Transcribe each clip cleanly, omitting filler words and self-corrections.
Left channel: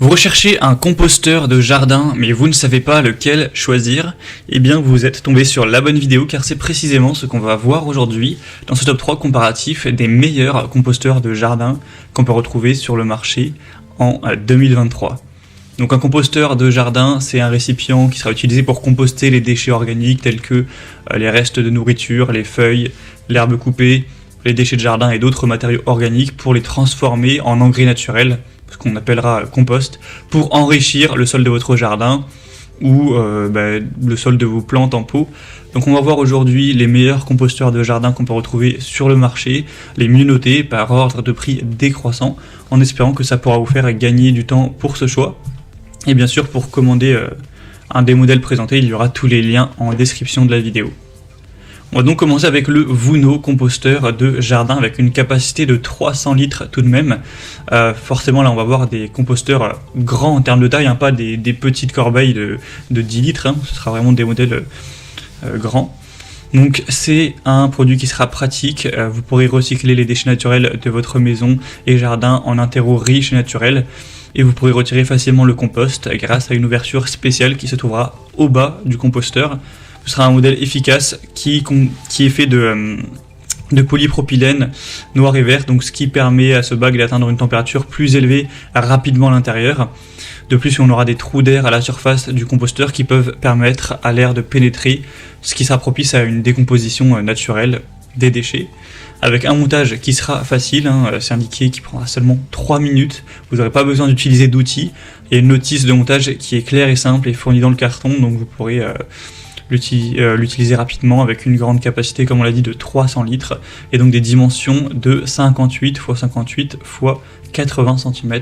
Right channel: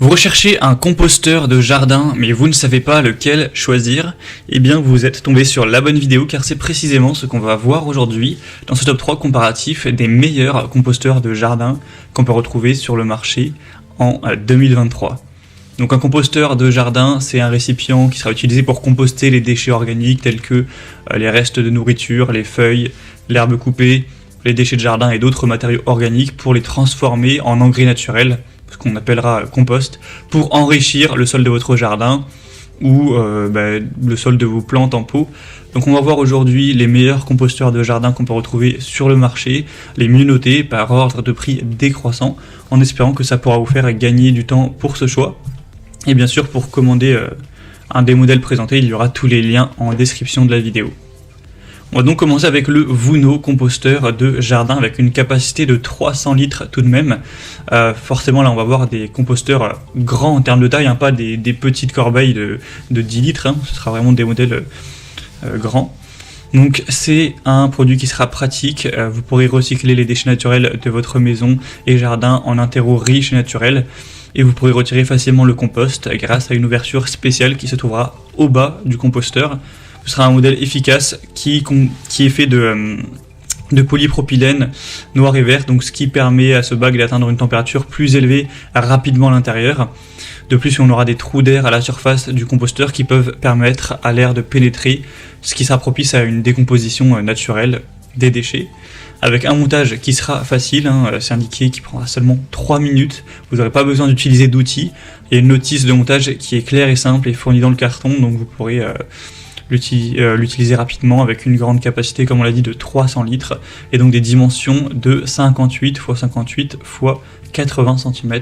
Vous recherchez un composteur de jardin, mais vous ne savez pas lequel choisir? Eh bien, vous êtes tombé sur la bonne vidéo, car c'est précisément ce qu'on va voir aujourd'hui dans ce top 3 comparatif des meilleurs composteurs de jardin qu'on peut retrouver sur le marché en 2023. Donc un composteur de jardin, c'est un récipient qui sera utilisé pour composter les déchets organiques tels que les restes de nourriture, les feuilles, l'herbe coupée, les déchets de jardin et d'autres matériaux organiques pour les transformer en engrais naturels, ce qu'on appellera compost, pour enrichir le sol de votre jardin ou le sol de vos plantes en pot. Donc on va voir aujourd'hui les meilleurs composteurs de jardin qu'on peut retrouver sur le marché, les mieux notés par ordre de prix décroissant, en espérant que ça pourra vous faire gagner du temps pour ce choix. Et bien sûr, pour commander un des modèles présentés, il y aura tous les liens en description de la vidéo. On va donc commencer avec le Vuno composteur de jardin avec une capacité de 300 litres tout de même. Forcément là on va voir des composteurs grands en termes de taille, pas des petites corbeilles de 10 litres, ce sera vraiment des modèles grands. Donc c'est un produit qui sera pratique, vous pourrez recycler les déchets naturels de votre maison et jardin en un terreau riche et naturel. Et vous pourrez retirer facilement le compost grâce à une ouverture spéciale qui se trouvera au bas du composteur. Ce sera un modèle efficace qui est fait de polypropylène noir et vert, donc ce qui permet à ce bac d'atteindre une température plus élevée rapidement à l'intérieur. De plus, on aura des trous d'air à la surface du composteur qui peuvent permettre à l'air de pénétrer, ce qui sera propice à une décomposition naturelle des déchets. Avec un montage qui sera facile, c'est indiqué qui prendra seulement 3 minutes, vous n'aurez pas besoin d'utiliser d'outils. Il y a une notice de montage qui est claire et simple et fournie dans le carton, donc vous pourrez l'utiliser rapidement avec une grande capacité, comme on l'a dit, de 300 litres, et donc des dimensions de 58 x 58 x 80 cm.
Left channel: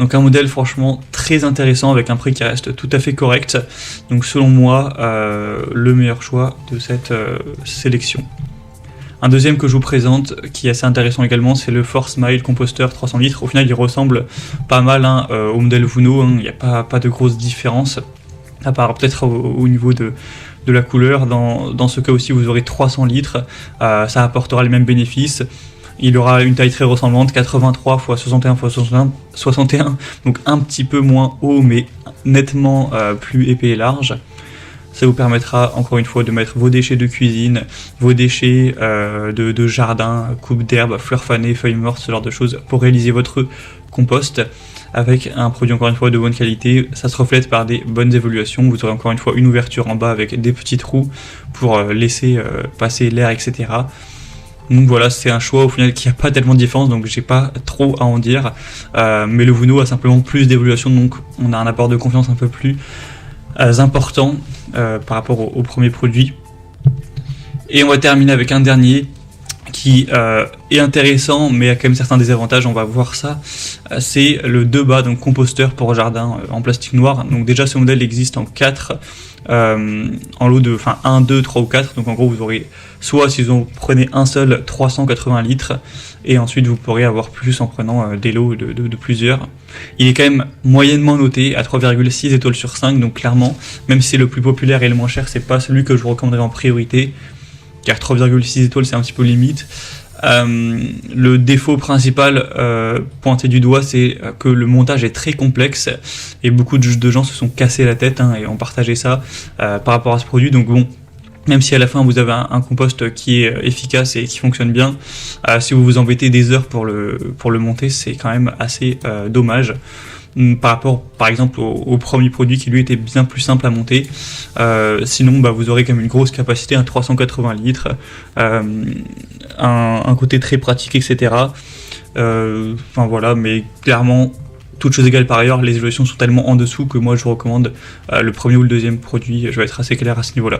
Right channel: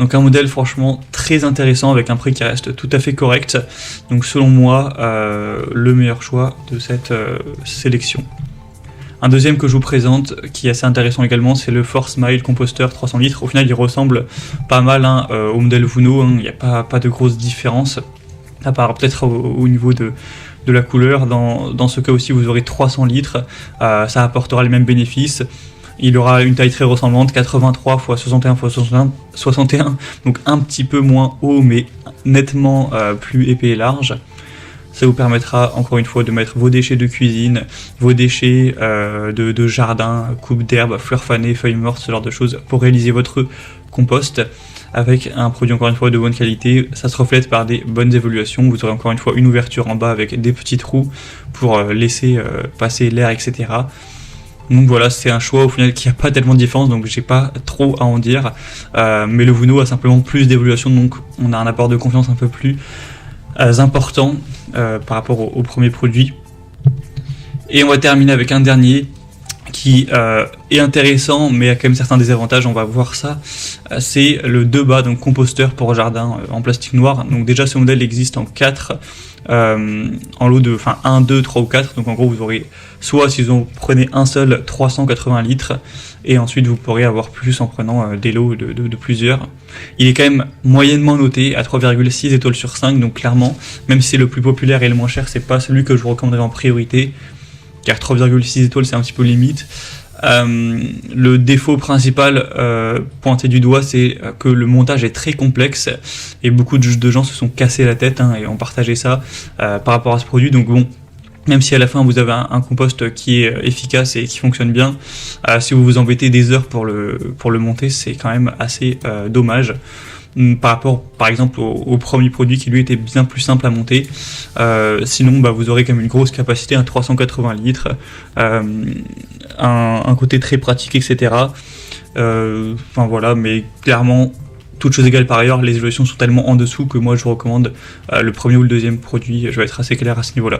Donc un modèle franchement très intéressant avec un prix qui reste tout à fait correct. Donc selon moi, le meilleur choix de cette sélection. Un deuxième que je vous présente, qui est assez intéressant également, c'est le Force-Mile composteur 300 litres. Au final, il ressemble pas mal au modèle Vuno, il n'y a pas de grosse différence. À part peut-être au niveau de la couleur. Dans ce cas aussi, vous aurez 300 litres, ça apportera les mêmes bénéfices. Il aura une taille très ressemblante, 83 x 61 x 61, donc un petit peu moins haut, mais nettement plus épais et large. Ça vous permettra encore une fois de mettre vos déchets de cuisine, vos déchets de jardin, coupe d'herbe, fleurs fanées, feuilles mortes, ce genre de choses pour réaliser votre compost avec un produit encore une fois de bonne qualité. Ça se reflète par des bonnes évolutions. Vous aurez encore une fois une ouverture en bas avec des petits trous pour laisser passer l'air, etc. Donc voilà, c'est un choix au final qui n'a pas tellement de différence, donc j'ai pas trop à en dire. Mais le Vuno a simplement plus d'évolution, donc on a un apport de confiance un peu plus important par rapport au premier produit. Et on va terminer avec un dernier qui est intéressant mais a quand même certains désavantages, on va voir ça. C'est le 2BA, donc composteur pour jardin en plastique noir. Donc déjà ce modèle existe en 4 en lot de 1, 2, 3 ou 4, donc en gros vous aurez soit si vous en prenez un seul 380 litres et ensuite vous pourrez avoir plus en prenant des lots de plusieurs. Il est quand même moyennement noté à 3,6 étoiles sur 5, donc clairement même si c'est le plus populaire et le moins cher, c'est pas celui que je vous recommanderais en priorité, car 3,6 étoiles c'est un petit peu limite. Le défaut principal pointé du doigt, c'est que le montage est très complexe et beaucoup de gens se sont cassés la tête et ont partagé ça par rapport à ce produit. Donc bon, même si à la fin vous avez un compost qui est efficace et qui fonctionne bien, si vous vous embêtez des heures pour le monter, c'est quand même assez dommage. Par rapport par exemple au premier produit qui lui était bien plus simple à monter. Sinon vous aurez quand même une grosse capacité, 380 litres, un côté très pratique, etc. Voilà, mais clairement, toutes choses égales par ailleurs, les évolutions sont tellement en dessous que moi je vous recommande le premier ou le deuxième produit. Je vais être assez clair à ce niveau-là.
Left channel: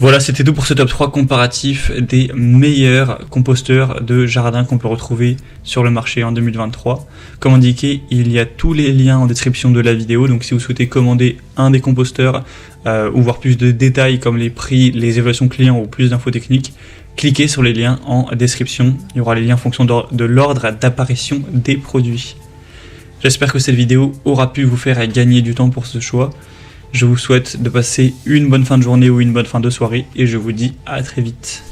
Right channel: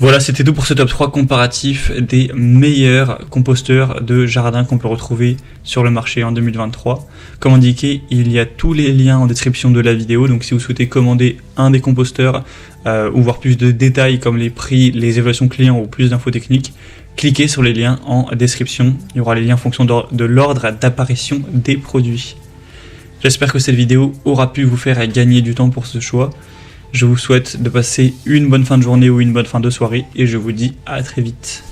Voilà, c'était tout pour ce top 3 comparatif des meilleurs composteurs de jardin qu'on peut retrouver sur le marché en 2023. Comme indiqué, il y a tous les liens en description de la vidéo, donc si vous souhaitez commander un des composteurs ou voir plus de détails comme les prix, les évaluations clients ou plus d'infos techniques, cliquez sur les liens en description. Il y aura les liens en fonction de l'ordre d'apparition des produits. J'espère que cette vidéo aura pu vous faire gagner du temps pour ce choix. Je vous souhaite de passer une bonne fin de journée ou une bonne fin de soirée et je vous dis à très vite.